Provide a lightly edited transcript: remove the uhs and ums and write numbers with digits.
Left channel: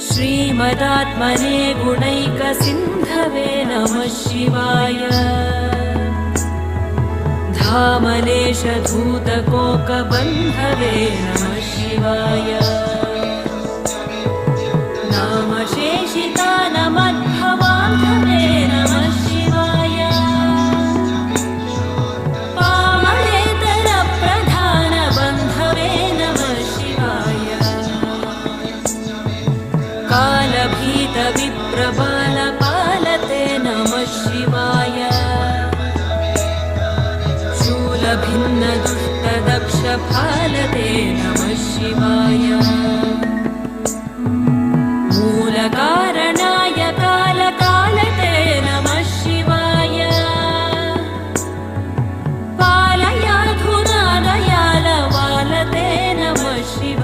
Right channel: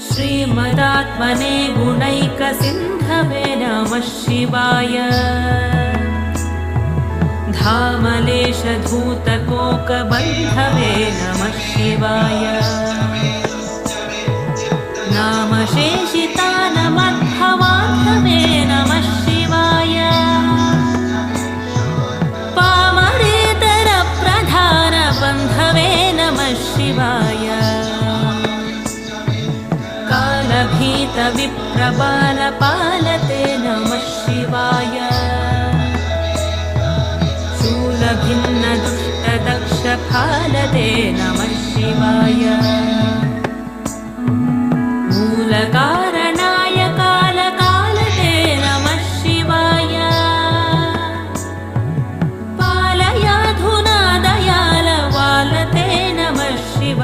श्रीमदात्मने गुणैकसिन्धवे नमः शिवाय। धामलेशधूतकोकबन्धवे नमः शिवाय। नामशेषितानमद्भवान्धवे नमः शिवाय। पामरेतरप्रधानबन्धवे नमः शिवाय। कालभीतविप्रबालपालते नमः शिवाय। शूलभिन्नदुष्टदक्षफालते नमः शिवाय। मूलकारणा